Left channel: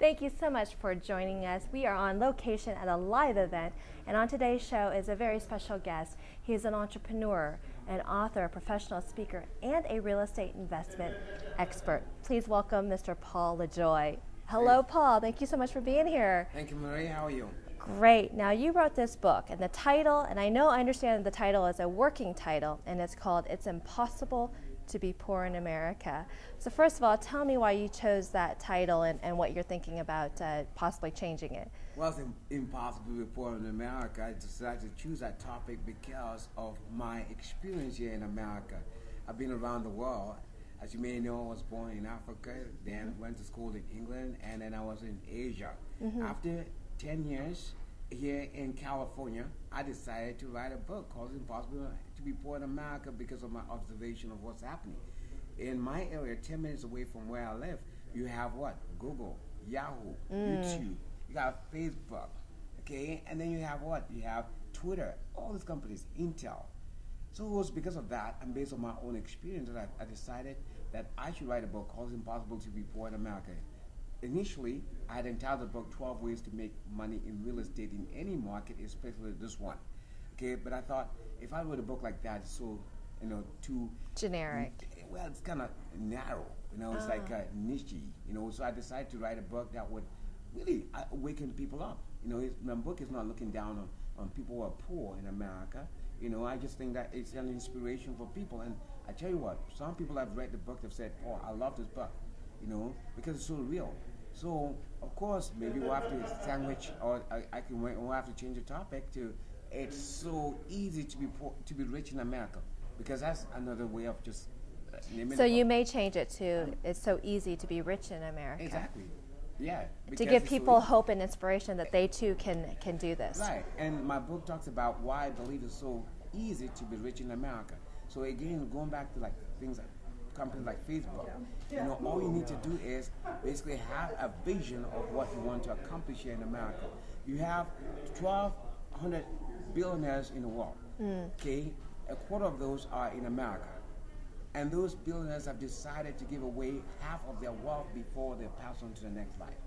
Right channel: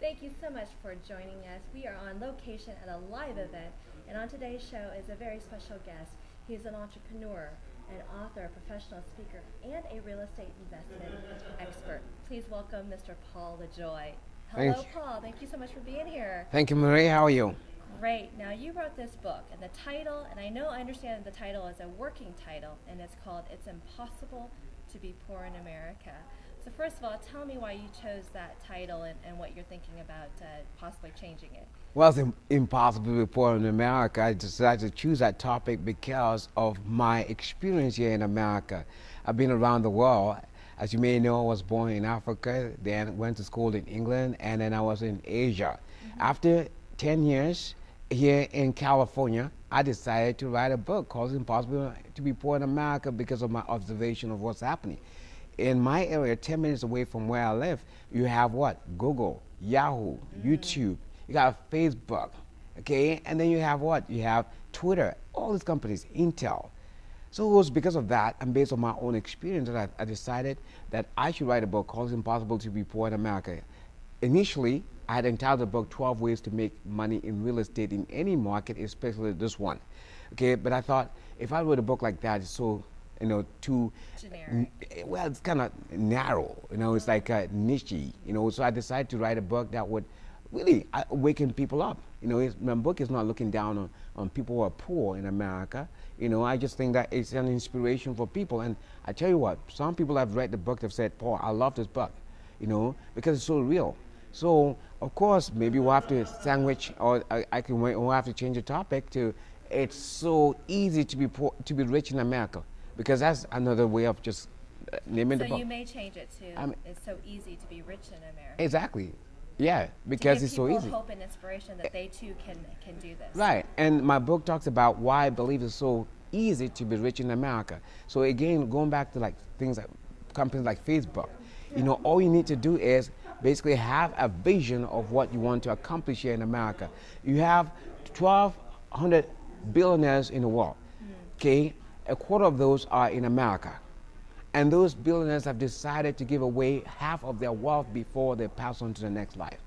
Thank you so much for joining us. We are on location at a live event, and on today's show is a very special guest. He is an entrepreneur, an author, a professional speaker, and a real estate investment expert. Please welcome Mr. Paul LeJoy. Hello, Paul. Thank you so much for being here. Thank you, Marie. How are you? Great. Now, you wrote this book, and the title, and I understand the title is a working title, and it's called It's Impossible to Be Poor in America. So first of all, tell me why you chose that title and what you're thinking about possibly changing it. Well, it's impossible to be poor in America. I decided to choose that topic because of my experience here in America. I've been around the world. As you may know, I was born in Africa, then went to school in England, and then I was in Asia. After 10 years here in California, I decided to write a book called It's Impossible to Be Poor in America because of my observation of what's happening. In my area, 10 minutes away from where I live, you have what? Google, Yahoo, YouTube, you got Facebook, okay? And then you have what? You have Twitter, all these companies, Intel. So it was because of that, and based on my own experience, that I decided that I should write a book called It's Impossible to Be Poor in America. Initially, I had entitled the book 12 Ways to Make Money in Real Estate in Any Market, especially this one. Okay, but I thought if I wrote a book like that, it's so, too generic. Well, it's kind of narrow, it's like niche, so I decided to write a book that would really awaken people up. My book is not looking down on people who are poor in America. I just think that it's an inspiration for people. And I tell you what, some people have read the book have said, Paul, I love this book, because it's so real. So, of course, maybe we'll have to sandwich, or we'll have to change the topic to, it's so easy to be poor, to be rich in America, because that's another way of just naming the book. So you may change it to, it's so easy to be rich in America. Exactly. Yeah, because to give it's people so easy. hope and inspiration that they too can do this. Right, and my book talks about why I believe it's so easy to be rich in America. So again, going back to like things like companies like Facebook, all you need to do is basically have a vision of what you want to accomplish here in America. You have 1,200 billionaires in the world. Okay, a quarter of those are in America. And those billionaires have decided to give away half of their wealth before they pass on to the next life.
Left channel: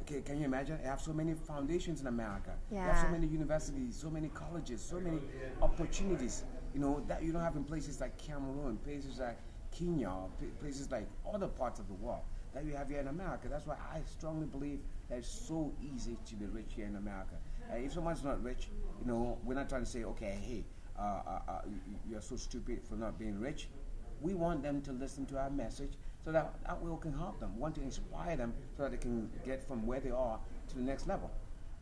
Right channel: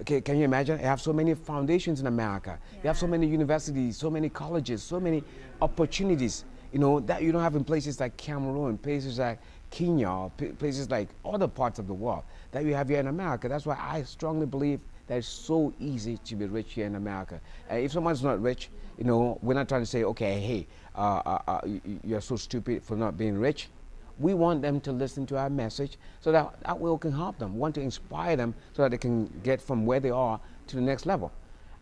Okay, can you imagine? You have so many foundations in America. Yeah. You have so many universities, so many colleges, so many opportunities, that you don't have in places like Cameroon, places like Kenya, places like other parts of the world that you have here in America. That's why I strongly believe that it's so easy to be rich here in America. If someone's not rich, we're not trying to say, okay, hey, you're so stupid for not being rich. We want them to listen to our message so that we can help them. We want to inspire them so that they can get from where they are to the next level.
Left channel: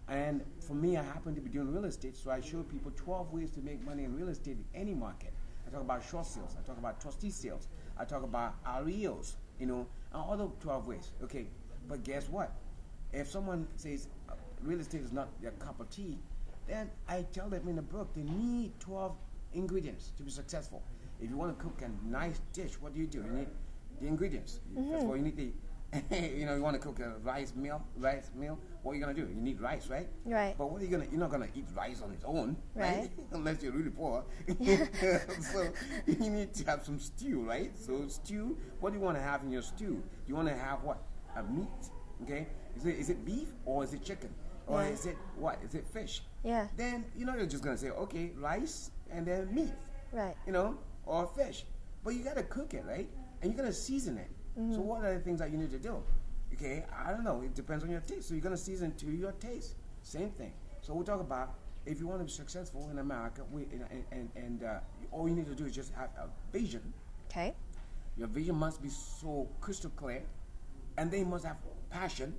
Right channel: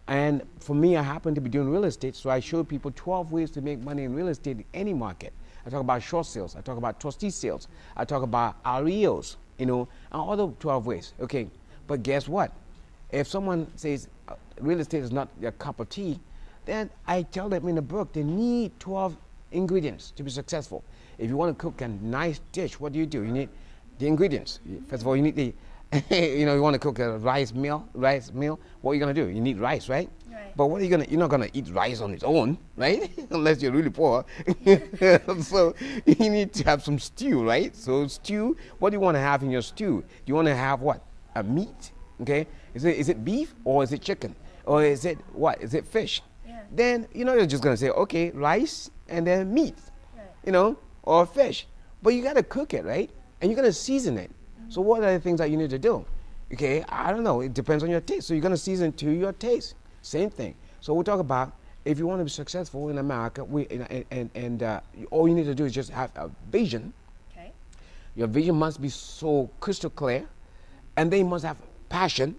And for me, I happen to be doing real estate, so I show people 12 ways to make money in real estate in any market. I talk about short sales, I talk about trustee sales, I talk about REOs, and other 12 ways. Okay, but guess what? If someone says real estate is not their cup of tea, then I tell them in the book they need 12 ingredients to be successful. If you want to cook a nice dish, what do? You need the ingredients. First of all, you need the, you want to cook a rice meal. What are you going to do? You need rice, right? Right. But what are you going to, you're not going to eat rice on its own, right? Unless you're really poor. So you need to have some stew, right? So stew, what do you want to have in your stew? Do you want to have what? A meat, okay? Is it beef or is it chicken? Or is it what? Is it fish? Yeah. Then, you're just going to say, okay, rice and then meat. Right. Or fish. But you got to cook it, right? And you're going to season it. So what are the things that you need to do? Okay, I don't know. It depends on your taste. So you're going to season to your taste. Same thing. So we'll talk about if you want to be successful in America, all you need to do is just have a vision. Okay. Your vision must be so crystal clear. And they must have passion,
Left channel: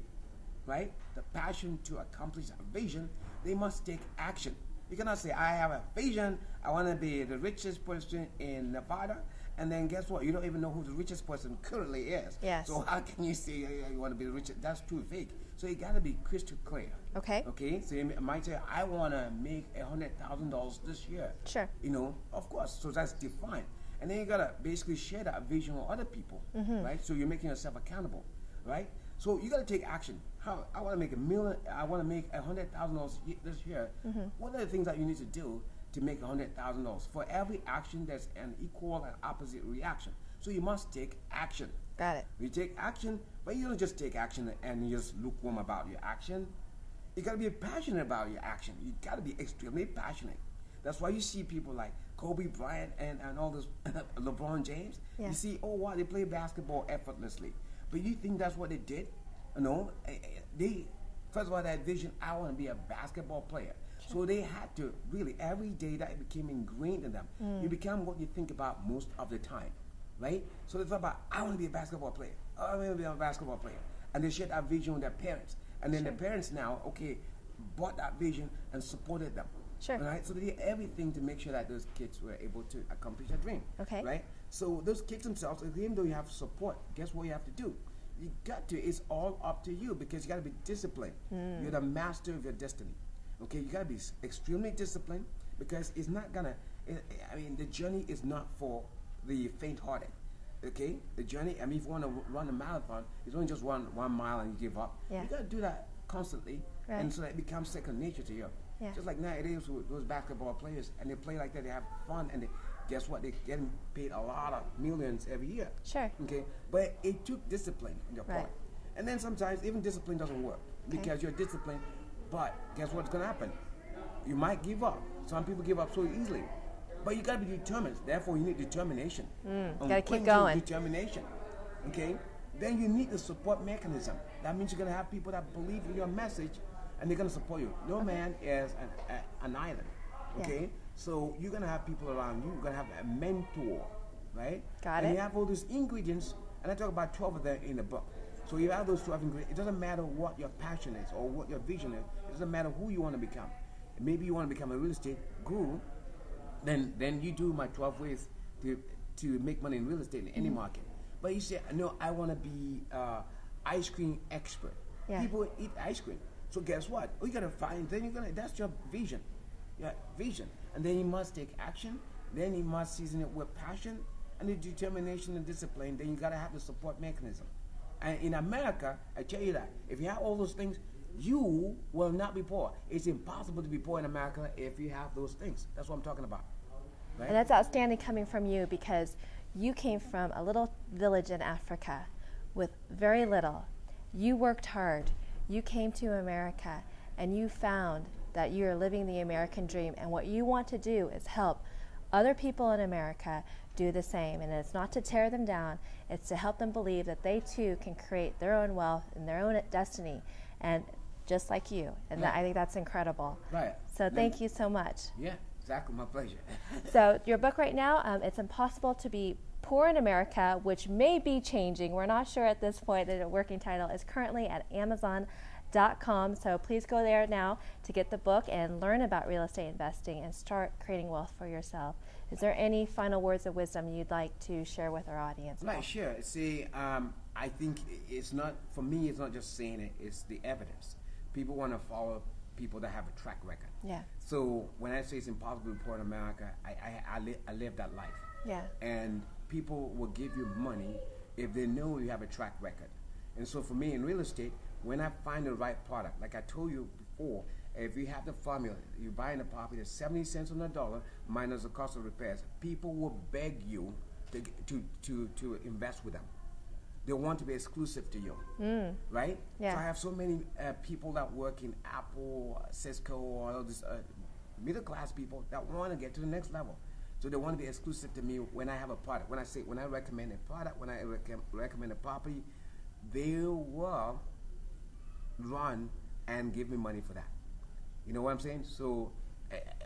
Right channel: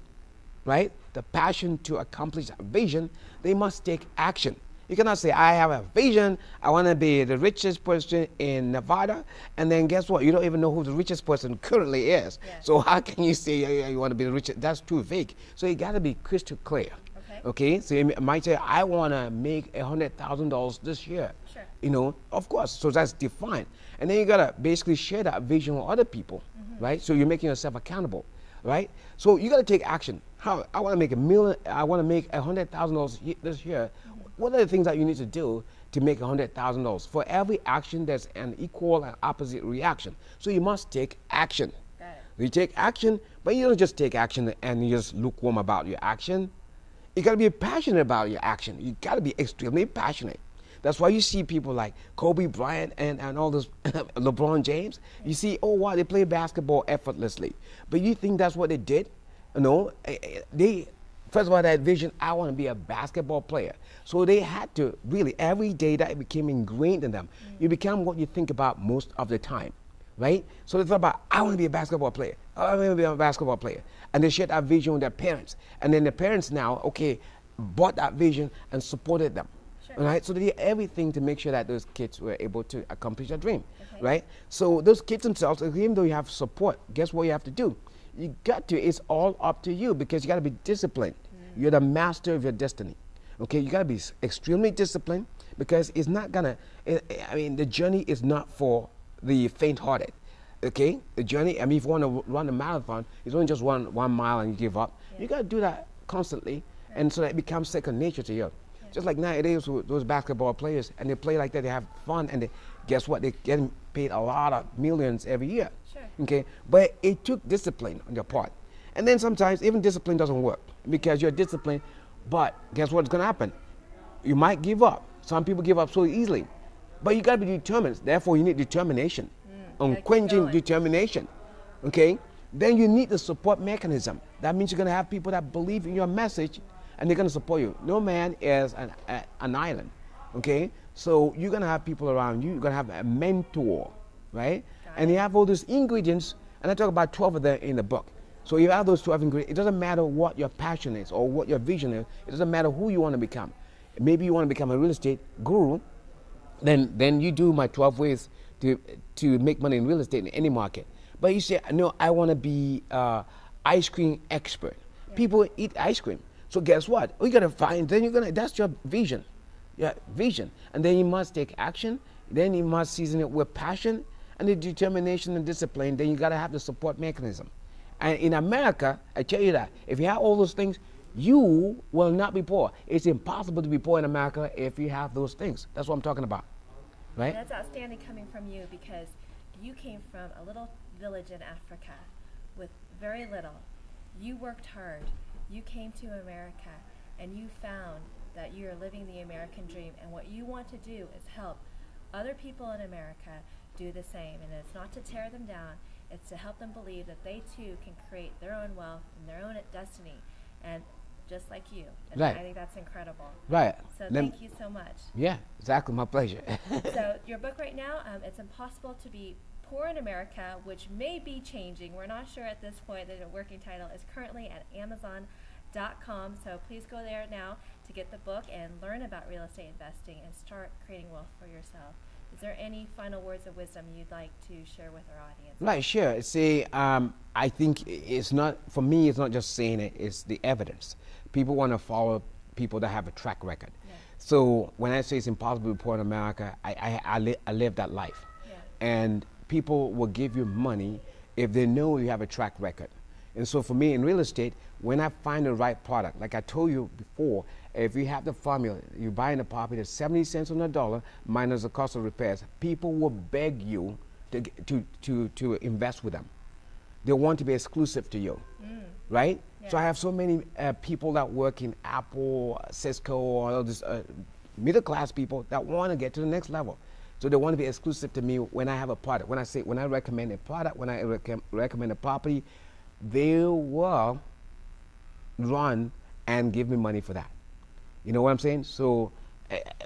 right? The passion to accomplish a vision. They must take action. You cannot say, I have a vision, I want to be the richest person in Nevada, and then guess what? You don't even know who the richest person currently is. Yes. So how can you say you want to be the richest? That's too vague. So you got to be crystal clear. Okay. Okay, so you might say, I want to make $100,000 this year. Sure. Of course, so that's defined. And then you got to basically share that vision with other people, right? So you're making yourself accountable, right? So you got to take action. How I want to make I want to make $100,000 this year. What are the things that you need to do to make $100,000? For every action, there's an equal and opposite reaction. So you must take action. Got it. You take action, but you don't just take action and you just lukewarm about your action. You got to be passionate about your action. You got to be extremely passionate. That's why you see people like Kobe Bryant and all those LeBron James. Yeah. You see, oh wow, they play basketball effortlessly. But you think that's what they did? No, they first of all that vision. I want to be a basketball player. So they had to really every day that it became ingrained in them. You become what you think about most of the time, right? So they thought about I want to be a basketball player. Oh, I want to be a basketball player, and they shared that vision with their parents. And then the parents now, okay, bought that vision and supported them. Sure. Right, so they did everything to make sure that those kids were able to accomplish their dream. Okay. Right, so those kids themselves, even though you have support, guess what you have to do? You got to. It's all up to you because you got to be disciplined. You're the master of your destiny. Okay, you got to be extremely disciplined because it's not gonna. I mean, the journey is not for the faint-hearted. Okay, the journey. I mean, if you want to run a marathon, it's only just 1 mile and you give up. Yeah. You got to do that constantly, right. And so that it becomes second nature to you. Yeah. Just like nowadays with those basketball players, and they play like that, they have fun, and guess what? They're getting paid a lot of millions every year. Sure. Okay, but it took discipline on your part. Right. And then sometimes even discipline doesn't work because you're disciplined, but guess what's going to happen? You might give up. Some people give up so easily, but you got to be determined. Therefore, you need determination, unquenching determination. Okay, then you need the support mechanism. That means you're going to have people that believe in your message, and they're going to support you. No man is an island, okay? Yeah. So you're going to have people around you. You're going to have a mentor, right? And you have all those ingredients, and I talk about 12 of them in the book. So you have those 12 ingredients. It doesn't matter what your passion is or what your vision is. It doesn't matter who you want to become. Maybe you want to become a real estate guru, then you do my 12 ways to make money in real estate in any market. But you say, no, I want to be ice cream expert. Yeah. People eat ice cream. So guess what? We gotta find. Then that's your vision, and then you must take action. Then you must season it with passion and the determination and discipline. Then you gotta have the support mechanism. And in America, I tell you that if you have all those things, you will not be poor. It's impossible to be poor in America if you have those things. That's what I'm talking about, right? And that's outstanding coming from you because you came from a little village in Africa with very little. You worked hard. You came to America and you found that you're living the American dream, and what you want to do is help other people in America do the same. And it's not to tear them down, it's to help them believe that they too can create their own wealth and their own destiny, and just like you. And I think that's incredible. Right. So thank you so much. Yeah, exactly, my pleasure. So your book right now, It's Impossible to Be Poor in America, which may be changing. We're not sure at this point. The working title is currently at Amazon.com. So please go there now to get the book and learn about real estate investing and start creating wealth for yourself. Is there any final words of wisdom you'd like to share with our audience? Right, sure. See, I think it's not, for me, it's not just saying it, it's the evidence. People want to follow people that have a track record. Yeah. So when I say it's impossible to be poor in America, I live that life. Yeah. And people will give you money if they know you have a track record. And so for me in real estate, when I find the right product, like I told you before, if you have the formula, you're buying a property at 70 cents on the dollar minus the cost of repairs, people will beg you to invest with them. They want to be exclusive to you, right? Yeah. So I have so many people that work in Apple, Cisco, all these middle class people that want to get to the next level. So they want to be exclusive to me when I have a product. When I recommend a product, when I recommend a property, they will run and give me money for that. You know what I'm saying? So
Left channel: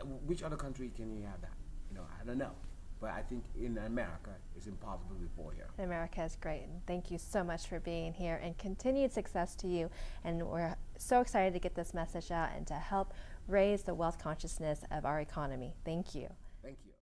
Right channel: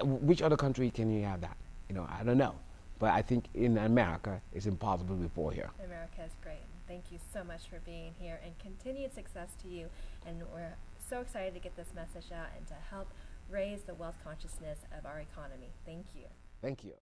which other country can you have that? You know, I don't know. But I think in America, it's impossible before here. America is great. And thank you so much for being here, and continued success to you. And we're so excited to get this message out and to help raise the wealth consciousness of our economy. Thank you. Thank you.